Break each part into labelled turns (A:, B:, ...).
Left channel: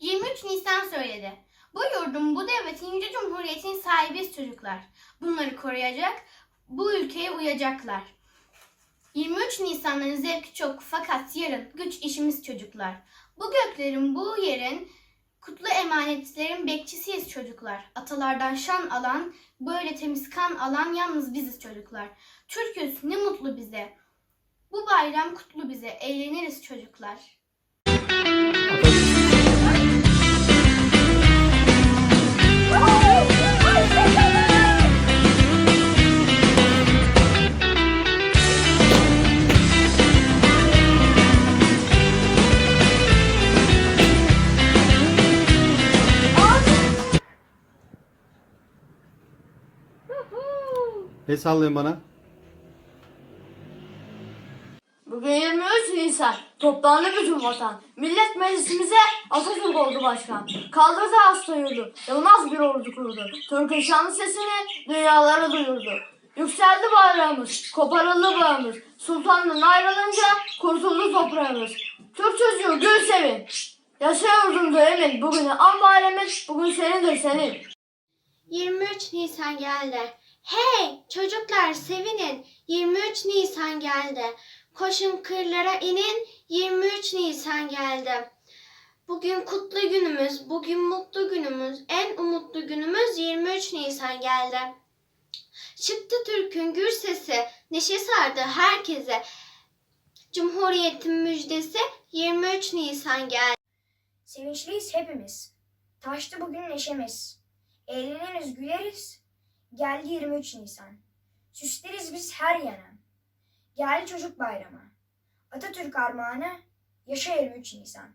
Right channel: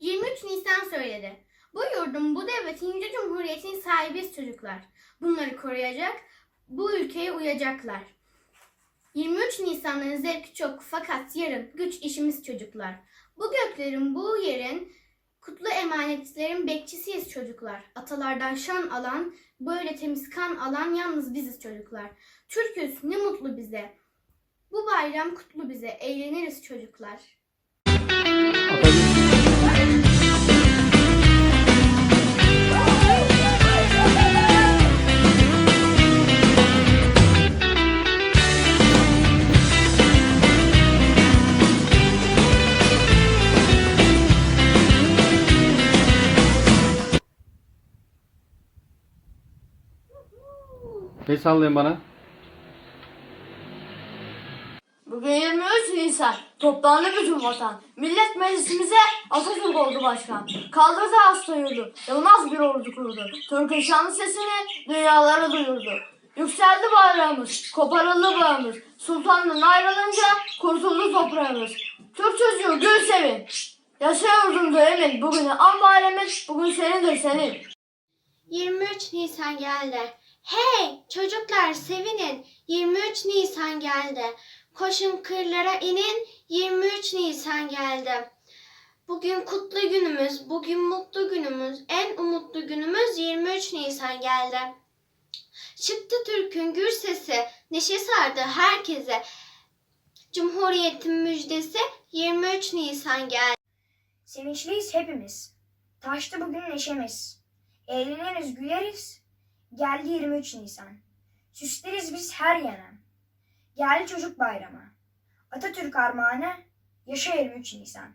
A: 23 Nisan söyledi. Bu yurdun, bu devletin, yüce cumhuriyetin sahibi çocuklar. Bunları koruyacak, bu ülkeye uyacaklar. 23 Nisan'ın zevki çok fakat yarın güç işimiz çocuklar. Bu göklerin, bu yerin kutlu emanetlerin bekçisiyiz çocuklar. Atalardan şan alan, böyle temiz kan alan yalnız biziz çocuklar. Türküz ne mutlu bize. Bu bayram kutlu bize, eğleniriz çocuklar.
B: El sallayın bana.
C: Bugün 23 Nisan. Toplandı bütün vatan. Millet Meclisimize Atatürk oldu başkan. Kaldırdı hasta yurdu. Yılmaz bir ordu kurdu. Türk'ün şanlı sesini dünyalara duyurdu. Yükseldi bayrağımız, koparıldı bağımız. Sultandan ayrılınca kurtuldu toprağımız. Türk çocuğu gül sevin. Yaşa yurdumda emin. Bugün an bugün senindir senin.
A: 23 Nisan geldi. Hey çocuklar sevinin. 23 Nisan geldi. Koşun kırlara inin. 23 Nisan geldi. Bugün kutlu günümüz, bugün mutlu günümüz, en umutlu günümüz 23 Nisan geldi. Çıktı Türk'ün gür sesi, neşe sardı herkese. Cumhuriyetin müjdesi 23 Nisan geldi.
D: Sevinçliyiz hepimiz. Taştı bugün neşemiz. Eğleniriz, güleriz. Geldi 23 Nisan. Süsleriz biz her yana. Geldi çocuk bayramı. Atatürk armağanı. Yaşa 23 Nisan.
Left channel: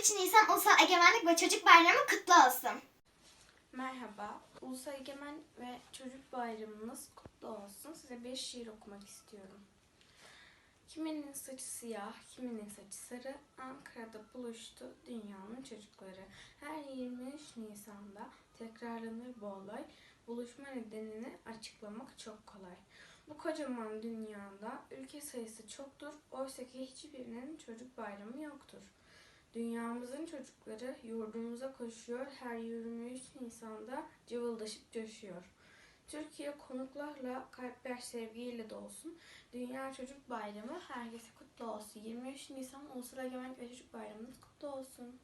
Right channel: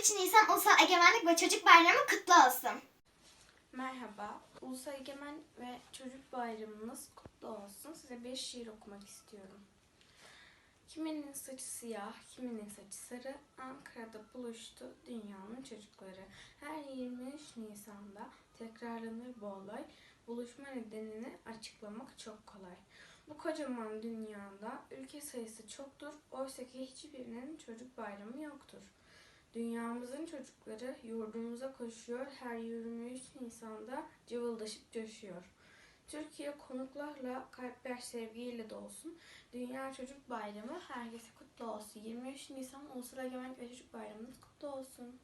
E: 23 Nisan Ulusal Egemenlik ve Çocuk Bayramı kutlu olsun.
F: Merhaba, Ulusal Egemen ve Çocuk Bayramınız kutlu olsun. Size bir şiir okumak istiyorum. Kiminin saçı siyah, kiminin saçı sarı, Ankara'da buluştu dünyanın çocukları. Her 23 Nisan'da tekrarlanır bu olay, buluşma nedenini açıklamak çok kolay. Bu kocaman dünyada ülke sayısı çoktur, oysa ki hiçbirinin çocuk bayramı yoktur. Dünyamızın çocukları yurdumuza koşuyor, her 23 Nisan'da cıvıldaşıp coşuyor. Türkiye konuklarla, kalpler sevgiyle dolsun. Dünya Çocuk Bayramı herkese kutlu olsun. 23 Nisan Ulusal Egemenlik ve Çocuk Bayramınız kutlu olsun.